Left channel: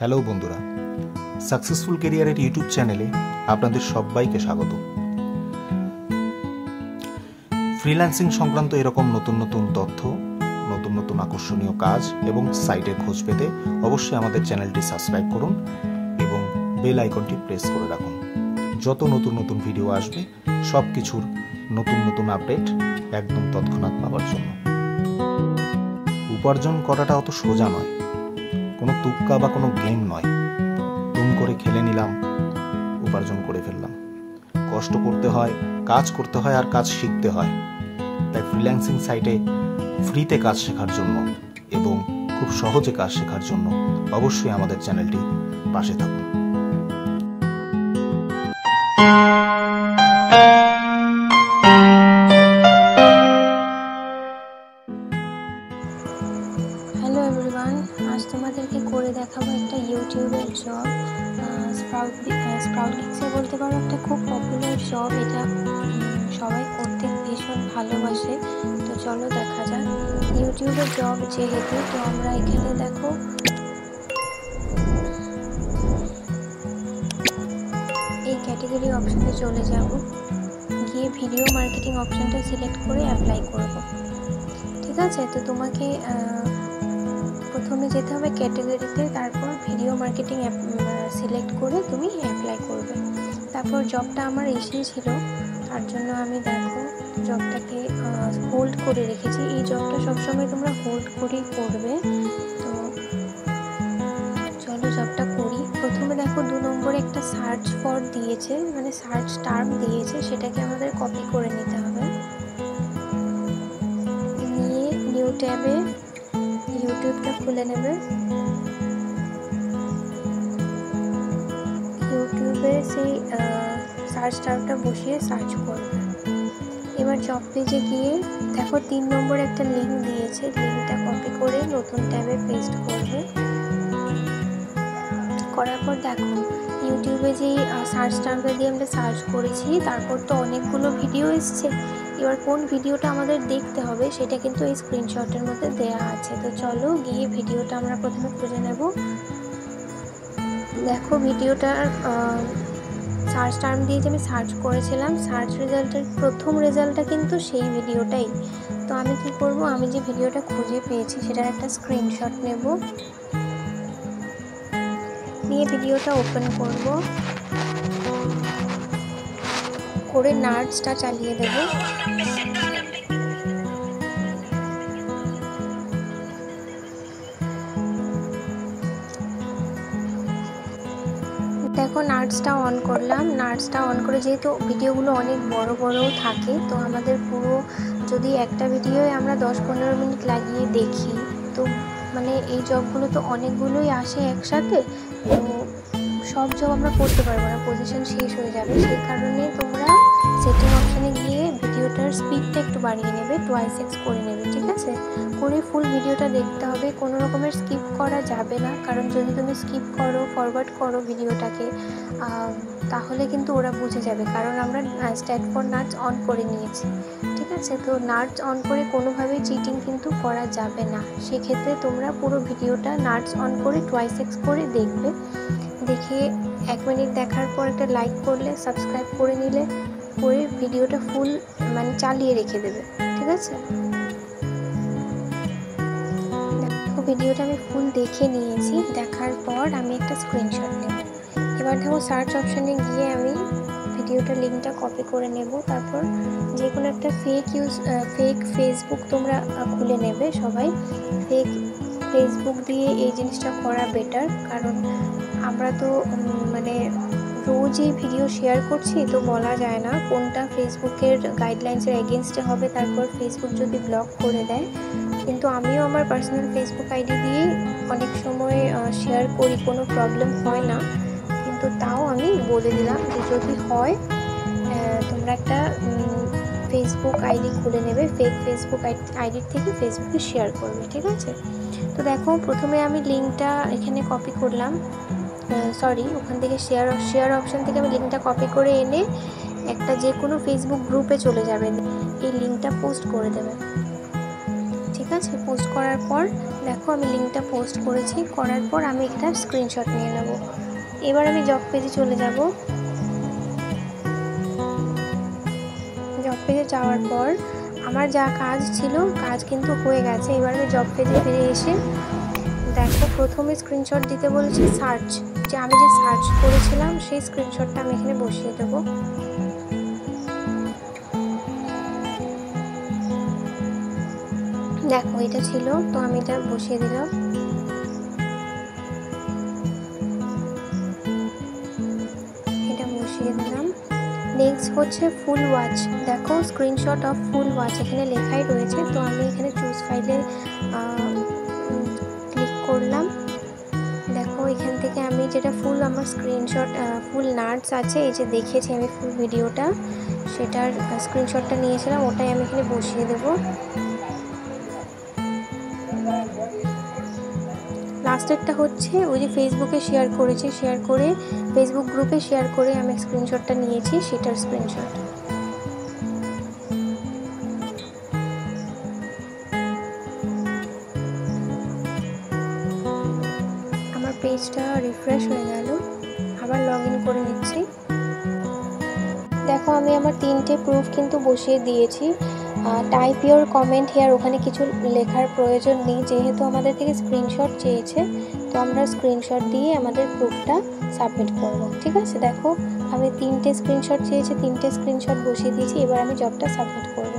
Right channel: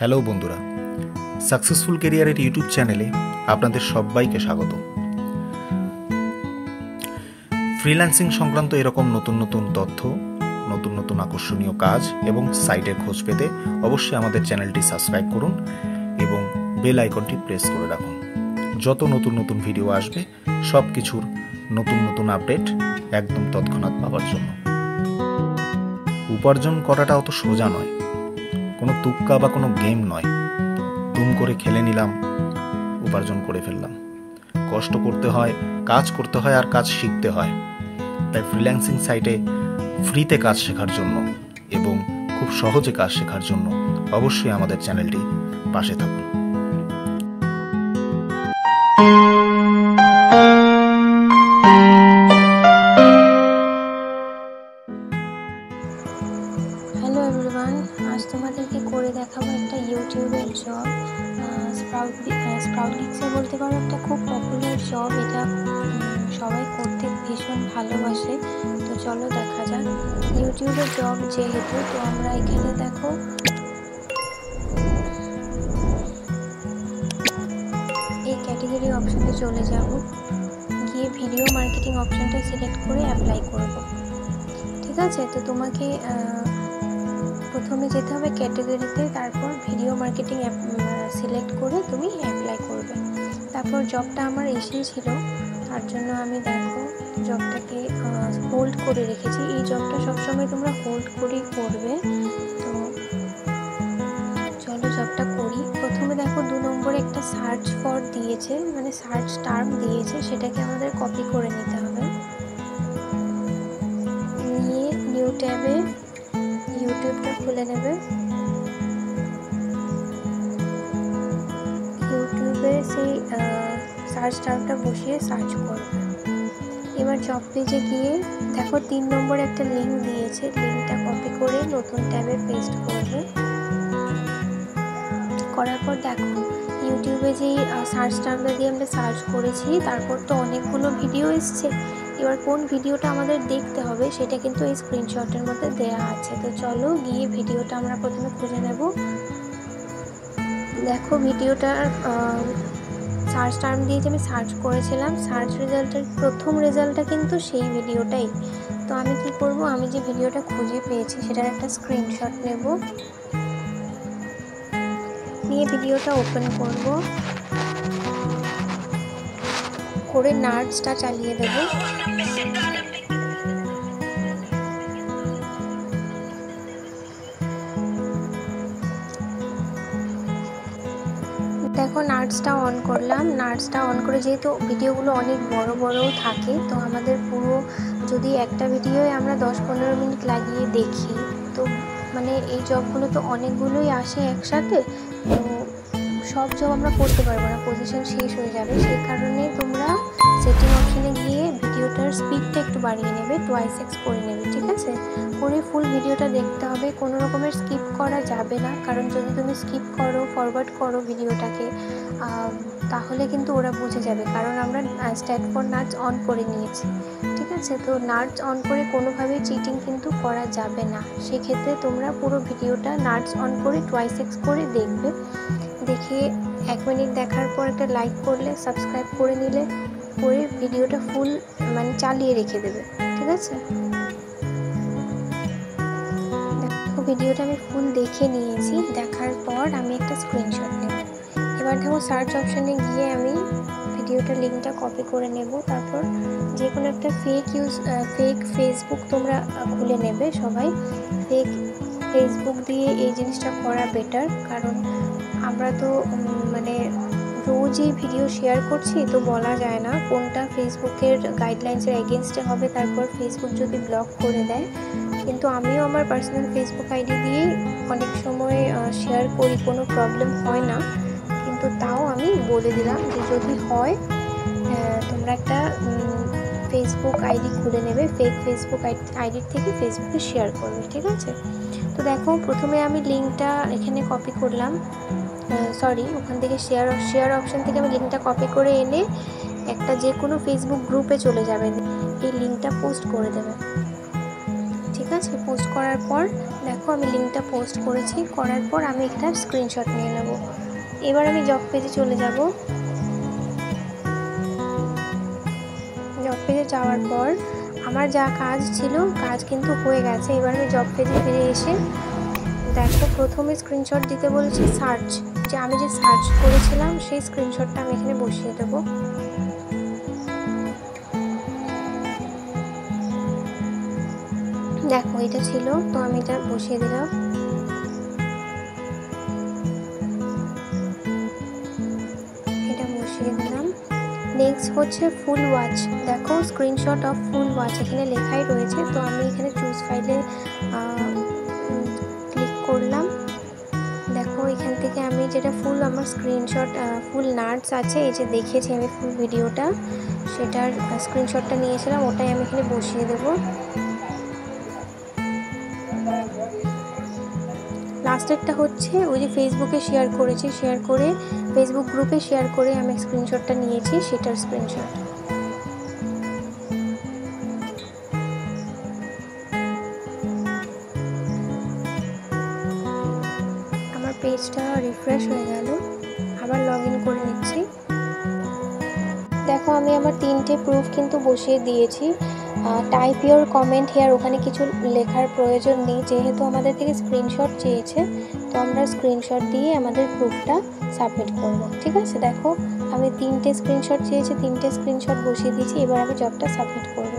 Hello বন্ধুরা, successful ক্যারিয়ারের YouTube চ্যানেলে আপনাদের সবাইকে স্বাগত। ফ্রিল্যান্সিং সংক্রান্ত এরকম নতুন নতুন তথ্য, নতুন নতুন আকর্ষণীয় কাজ এবং সাইটের খোঁজ পেতে অবশ্যই আমাদের চ্যানেলটি সাবস্ক্রাইব করুন এবং বেল আইকনটি প্রেস করে রাখুন। যত নতুন নতুন ভিডিও আসবে সব কিছুর নতুন নতুন আপডেট একদম তৎক্ষণাৎ পাওয়ার জন্য। উপার্জন করাটা অত সোজা নয়, কোনো তুক্কা বা কোনো গেম নয়। দুম করে খেলে নিলাম, উপার্জন করে ফেললাম। কষ্ট করতে হয়, কাজ করতে হয় আর কাজ শিখতে হয়। তাই ফ্রিল্যান্সিং সাইটে ফ্রিতে কাজ শেখার জন্য এবং খুব সহজে কাজ শেখার জন্য অবশ্যই আমাদের চ্যানেলটি পাশে থাকুন। হ্যালো এভরিওয়ান, আজ তোমাদেরকে করে দেখাবো একটা ইউটিউবের জব। স্প্রাউট গিগসে বলতে পারো একটা খুব পপুলার জব। এটা সবাই করতে ভীষণ ভালোবাসে। তো চলো দেখা যাক। ইউটিউবের জব যেহেতু, তো আমরা এখানে দেখো এই ক্যাটাগরি অপশানে চলে যাব, গিয়ে ভিডিও মার্কেটিং অপশানটা সিলেক্ট করে অ্যাপ্লাই করব। ঠিক আছে, তো তোমাকে প্রথমে যেতে হবে ক্যাটাগরিতে, তারপর ভিডিও মার্কেটিং সিলেক্ট করে তুমি অ্যাপ্লাই করবে। তারপর জবটা আমার এসেছিল, তার জন্য আমি দেখো জবটাকে হোল্ড করে রেখেছি। এই জবটা সবসময় তোমরা হোল্ড করেই করবে। তো চলো জবটা করি। প্রথমে দেখো 2 নম্বরে একটা সার্চ ফর দিয়েছে, মানে সার্চ টার্ম দিয়েছে, সেটাকে আমাদের কপি করে নিতে হবে। নিয়ে নিউ ট্যাবে ইউটিউবটা খুলে নেবে। ইউটিউবে সেই সার্চ টার্মটা বসিয়ে সার্চ করবে। এবার জব পেজে গিয়ে দেখো 3 নম্বরে একটা লিঙ্ক দিয়েছে, লিঙ্কটা কপি করে নতুন ট্যাবে পেস্ট করবে। করার পর দেখো ইউটিউবে যেই সার্চ টার্মটা দিয়ে আমরা সার্চ করেছি, তারপর তো অনেকগুলো ভিডিও এসছে। এবার কোন ভিডিওটা আমাদের দেখতে হবে সেটা কিন্তু এই স্ক্রিনশটের মধ্যে দেয়া আছে। তো চলো গিয়ে ভিডিওটা আমরা প্রথমে খুঁজে নেব। দেখো ভিডিওটার সার্চ টার্ম দিয়ে যে আমি সার্চ করেছিলাম, সার্চ রেজাল্টের প্রথম রেজাল্টটা কিন্তু সেই ভিডিওটাই। তো আমি কি করব, আমি যে ভিডিওটা খুঁজে পেয়েছি সেটার একটা স্ক্রিনশট নেব, নিয়ে ভিডিওটা ওপেন করব, করে নার্সটা চালিয়ে দেব। দেখো নার্সটা অন করলাম। নার্সটা অন করে, যেহেতু ভিডিওগুলো অনেক বড় বড়ও থাকে, তো আমাদের পুরো যদি একটা ভিডিওয় আমরা 10-15 মিনিট লাগিয়ে দেখি, তো মানে এই জবগুলো তো অনেকগুলোই আসে একসাথে, তো সব জব আমরা করতে পারবো না, পজিশন শেষ হয়ে যাবে। সেই কারণে তোমরা সেটিং অপশানে গিয়ে ভিডিওটার স্পিডটা একটু বাড়িয়ে নেবে, 2x করে নেবে। ঠিক আছে, করে ফুল ভিডিওটা দেখতে হবে, কোনো রকমের স্কিপ করা যাবে না। কারণ যদি তুমি স্কিপ করো, ফরওয়ার্ড করো ভিডিওটাকে, তাহলে কিন্তু ওরা বুঝে যাবে। কারণ আমরা স্ট্যাট ফর নার্স অন করে নিয়েছি। ঠিক আছে, তো নার্স অন করে কোনোভাবেই চিটিং কিন্তু করা যাবে না। সেক্ষেত্রে তোমরা পুরো ভিডিওটা নার্স অন করে 2x করে দেখবে। দেখে 1 মিনিট দেখার পর একটা লাইক করলে, সাবস্ক্রাইব করে নিলে, করে ভিডিওটা ফুল মানে চালিয়ে রেখে দেবে। ঠিক আছে, দেখো ভিডিওটা আমি ফুল দেখে নিয়েছি। দেখার পর আমি একটা স্ক্রিনশট নেব। এবার দেখো সার্চ অপশানে গিয়ে আমি ভিডিওটার লিঙ্কটা কপি করে নেব। তারপর যে কোনো একটা ফেক ফেসবুক তোমরা খুলে নেবে। সবাই ফেক ফেসবুক দিয়ে এই জিনিসটা করা বেটার, কারণ আমরা তো মানে রোজই ভিডিও শেয়ার করছি, তো বলা যায় না কোনটা ফেসবুকের গাইডলাইন্সের এগেনস্টে হবে। তারপর ফেসবুক যদি ব্লক করে দেয়, কিন্তু আমিও আমার পার্সোনাল ফেসবুক আইডি দিয়েই অনেক সময় শেয়ার করি, কোনো প্রবলেম হয় না। কিন্তু তাও আমি বলে দিলাম যে যদি হয় তোমরা একটা ফেসবুক আইডি খুলে নেবে, ফেক ফেসবুক আইডির থেকে ফেসবুকে শেয়ার করবে। ঠিক আছে, তো দেখো প্রথমে আমি লিঙ্কটা এখানে কপি করলাম, ওখান থেকে শেয়ার অপশান থেকে আমি লিঙ্কটা কপি করে এনে একটা যে কোনো ফেসবুক গ্রুপে চলে যাবে, এই লিঙ্কটা পোস্ট করে দেবে। ঠিক আছে। পোস্ট করার পর দেখো আমি লিঙ্কটা পোস্ট করেছি, করার পর আমি একটা স্ক্রিনশট নিয়ে নেব। এবার আমি জব পেজে চলে যাব। জব পেজে যাওয়ার পর আমার যা কাজ ছিল, কাজ কিন্তু হয়ে গেছে। এবার আমি জব পেজে ফিরে এসে দেখো প্রথমে স্ক্রিনশট দিতে বলেছি সার্চ, যে আমি যে সার্চ করেছিলাম সেই স্ক্রিনশটটা আমি এখানে বসিয়ে দেবো। দেখো এটা ছিল, তো আমি এটা বসিয়ে দিলাম। এটা বসিয়ে দিলাম। নেক্সট হচ্ছে ফুল ওয়াচ। দেখো স্ক্রিনশট অফ ফুল ওয়াচ এখানে লেখাই রয়েছে, তো আমি এখানে চুজ ফাইলে ক্লিক করলাম। দেখো এখান থেকে আমি যেটা ফুল আমার স্ক্রিনশট ফুল নাটস আছে, এই যে দেখেছি আমি ফুল ভিডিওটা, সেটার স্ক্রিনশটটা নিয়েছিলাম, ওটাই আমি এখানে বসিয়ে দেবো। লাস্টেরটা হচ্ছে ওই যে ফেসবুকে শেয়ার করেছি, শেয়ার করে ফেসবুক গ্রুপে শেয়ার করে আমি স্ক্রিনশটটা নিয়েছি, সেটার স্ক্রিনশট। আমার পেজটা রিফ্রেশ হয়ে গেল, আবার লগ ইন করে নিচ্ছি। দেখো আমি আমার 3টে প্রুফ কিন্তু বসিয়ে দিয়েছি। টাইপ ইওর কমেন্ট হেয়ার, ওখানে কিছু লেখার প্রয়োজন নেই, যেহেতু আমাদের থেকে স্ক্রিনশট চেয়েছে, তো আমরা স্ক্রিনশট দিয়ে আমাদের প্রুফটা সাবমিট করব। ঠিক আছে, দেখো আমি 3টে স্ক্রিনশট চেয়েছে, 3টে স্ক্রিনশট বসিয়ে দিয়েছি। এবার আমি জবটা সাবমিট করব।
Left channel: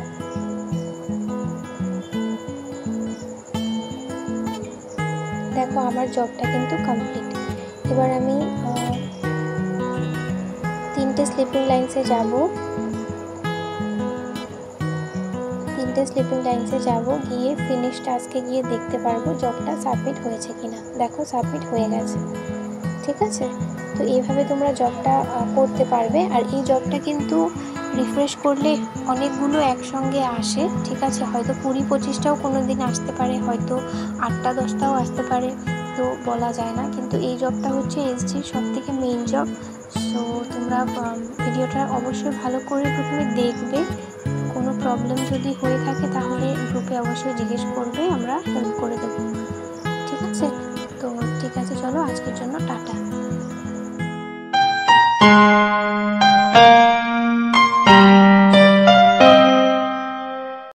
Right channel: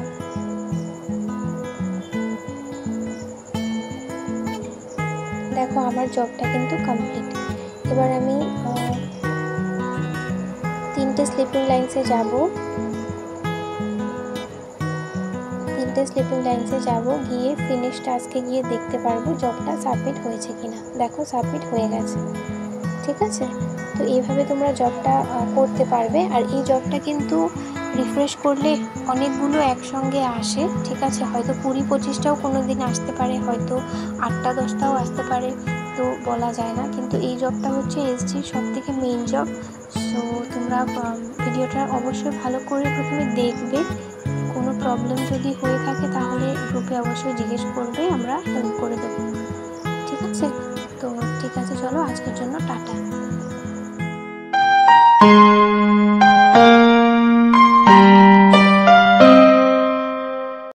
দেখো আমার জবটা কিন্তু কমপ্লিট। এবার আমি 3টে স্লিপিং লাইন্সে যাব। 3টে স্লিপিং লাইন্সে যাব, গিয়ে ফিনিশ টাস্কে গিয়ে দেখতে পারবো জবটা সাবমিট হয়েছে কিনা। দেখো সাবমিট হয়ে গেছে। ঠিক আছে, তো এইভাবে তোমরা জবটা করতে পারবে। আর এই জবটা কিন্তু রিফ্রেশ করলে অনেকগুলো একসঙ্গে আসে। ঠিক আছে, হয়তো 20-25টাও কোনো দিন আসতে পারে, হয়তো 8টা-10টাও আসতে পারে, তো বলা যায় না। কিন্তু এই জবটা হচ্ছে এসজির সবথেকে মেইন জব। সো তোমরা ভিডিওটা অবশ্যই ভালো করে প্রথমে দেখবে। কোনো প্রবলেম যদি হয়ে থাকে তাহলে গ্রুপে অবশ্যই জিজ্ঞেস করবে, আমরা হেল্প করে দেব। ঠিক আছে, তো ঠিক আছে, চলো আজকের জন্য টাটা।